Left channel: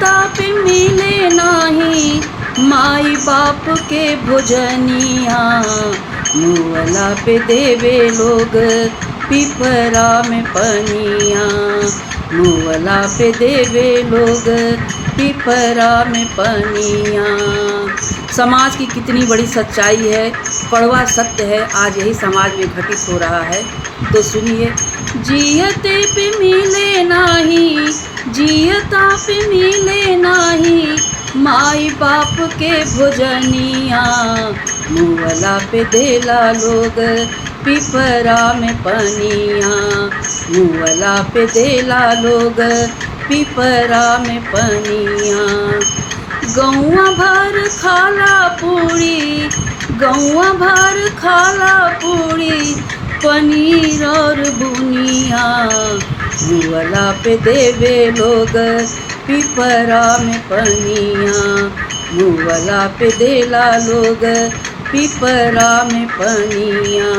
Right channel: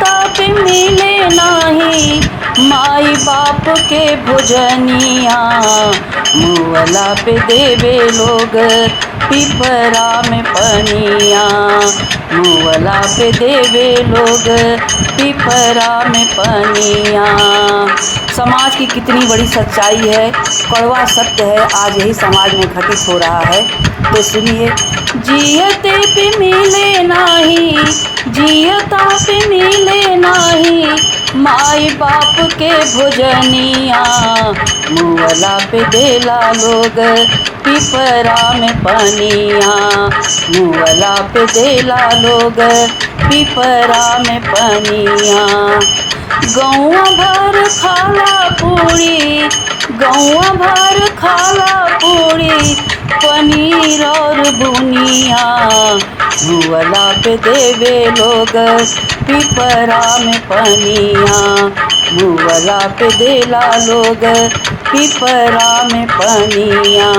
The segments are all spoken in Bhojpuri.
जियता पे मिले नाही माई बाप के भोजनिया, मुअला पे देवे लोग पिपरा में पनिया, मुअला पे देवे लोग पिपरा में पनिया। समाज की कितनी बड़ी सच्चाई है, कड़वा सत्य है, आज यही समाज में घटित हो रहा है। तो सुनिए, जियते पे मिले नाही, जियता पे मिले नाही माई बाप के भोजनिया, मुअला पे देला लोग पिपरा में पनिया, मुअला पे देला लोग पिपरा में पनिया। गौवा भर खाला पूरी, गौवा भर खाला पूरी पनीर और बुनिया, मुअला पे देवे लोग पिपरा में पनिया, मुअला पे देला लोग पिपरा में पनिया।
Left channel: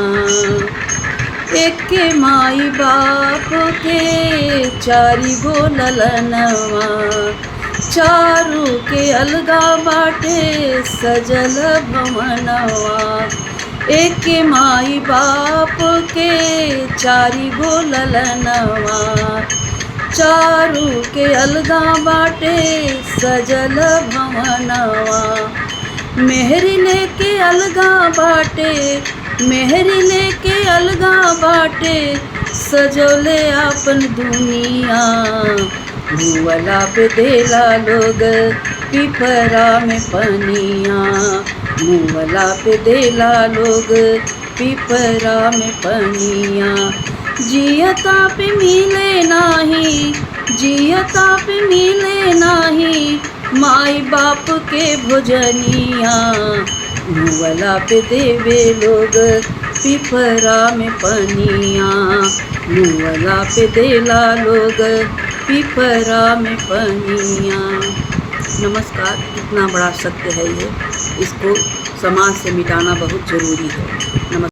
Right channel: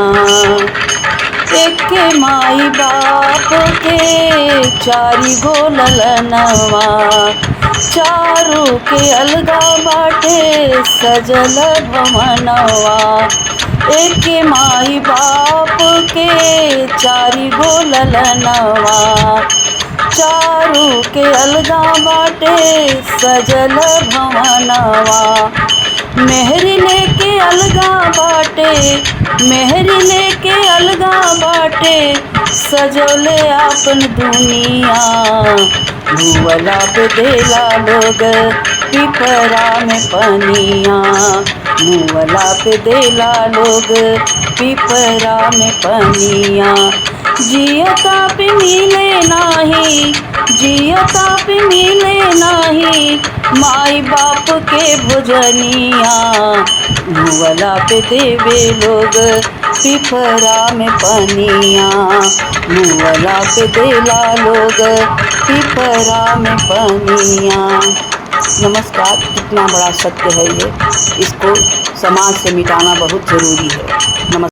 एके माई बाप के चारी गो ललनवा, चारों के अलगा बाटे सजल भवनवा। एके माई बाप के चारी गो ललनवा, चारों के अलगा बाटे सजल भवनवा। मेहरी लेके अलगा बाटे, मेहरी लेके अलगा बाटे सजौले आपन दुनिया, मुअला पे देला लोग पिपरा में पनिया, मुअला पे देला लोग पिपरा में पनिया। जियता पे मिले नाही, जियता पे मिले नाही माई बाप के भोजनिया, मुअला पे देवे लोग पिपरा में पनिया, मुअला पे देला लोग पिपरा में पनिया। नमस्कार, कितना बड़ा सत्य है ये, इसको समाज से मिटाना बहुत ज़रूरी है। नमस्कार।